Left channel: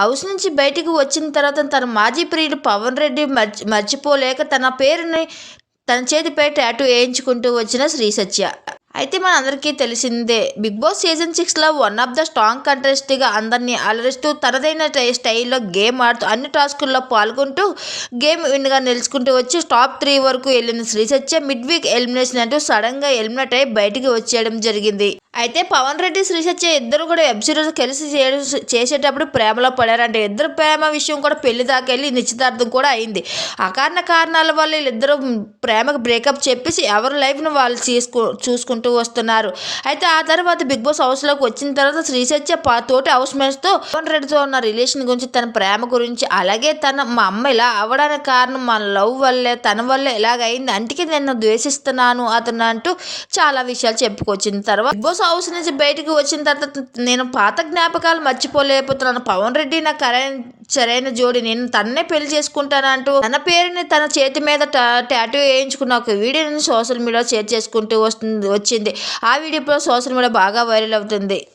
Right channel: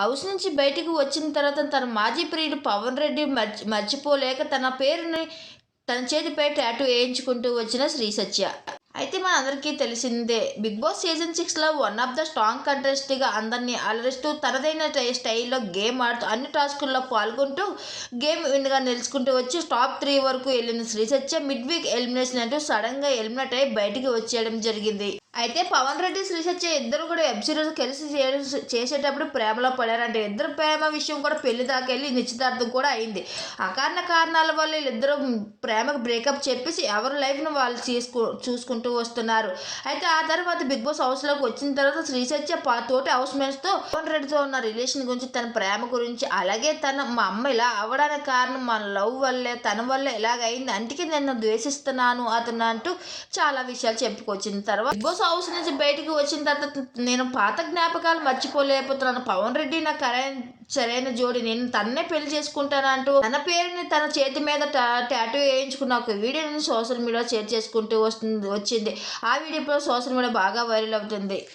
House నుంచి బయటికి వచ్చిన తర్వాత తన మాజీ ప్రియుడు పవన్ రెడ్డి మర్చి మర్చిపోలేక తన పేరుని తన చేతిపై టాటూ వేయించుకుంటూ వచ్చిన శ్రీ సత్య. అయితే మన అందరికీ తెలిసిందే బిగ్ బాస్ సీజన్ సిక్స్లో వన్ ఆఫ్ ద స్ట్రాంగ్ కంటెస్ట్గా అందరినీ అలరిస్తూ తనదైన స్టైల్లో గేమ్ ఆడుతూ అన్ని టాస్కుల్లో పాల్గొంటూ గేమ్ విన్గా నిలుచుకుంటూ వచ్చి టాప్ త్రీ వరకు వెళ్ళిన Sri Satya mid week elimination అంటూ సడన్గా ఎలిమినేట్ అయ్యి బయటికి వచ్చేయడం జరిగింది. అయితే పవన్ రెడ్డి శ్రీ సత్య ఇద్దరు కూడా వెబ్ సిరీస్ కలిసి చేసేటప్పుడు ప్రేమలో పడారంటే. ఇద్దరు ప్రేమ విషయం కూడా పెళ్ళి దాకా వెళ్ళి నిశ్చితార్థం కూడా అయింది. అకారణ కారణాల వల్ల వీళ్ళిద్దరు ప్రేమకు బ్రేకప్ చెప్పేసి ఎవరి లైఫ్ను వాళ్ళు తీసుకు చూసుకుంటూ వస్తున్నారు. అయితే ఆ తర్వాత బిగ్ బాస్ హౌస్లోకి వచ్చిన తర్వాత శ్రీ సత్య పా తోటి హౌస్ మేట్స్తో పవన్ రెడ్డితో ఉన్న రిలేషన్ గురించి తన ప్రేమ గురించి అలాగే తన మా అమ్మ ఇలా అవ్వడానికి కారణం మన లవ్ వల్లే తన వల్లే ఇలాగ అయింది. నేను ద్వేషిస్తున్నాను అతను అంటూ చాలా విషయాలు చెప్పుకొచ్చిన తర్వాత బిగ్ బాస్ హౌస్ నుంచి బయటకు వచ్చిన తర్వాత నేను పాత జ్ఞాపకాలు మర్చిపోలేకపోతున్నాను. పవన్ రెడ్డి నా కరైన సరైన జోడి. నేను తన్నే పెళ్ళి చేసుకుంటానంటూ తన పేరుని తన చేతి మీద టాటూ వేయించుకున్న ఒక వీడియోని సోషల్ మీడియాలో షేర్ చేసుకుంటూ వస్తుంది వచ్చింది. ఆ వీడియో సోషల్ మీడియా బాగా వైరల్ అవుతుంది.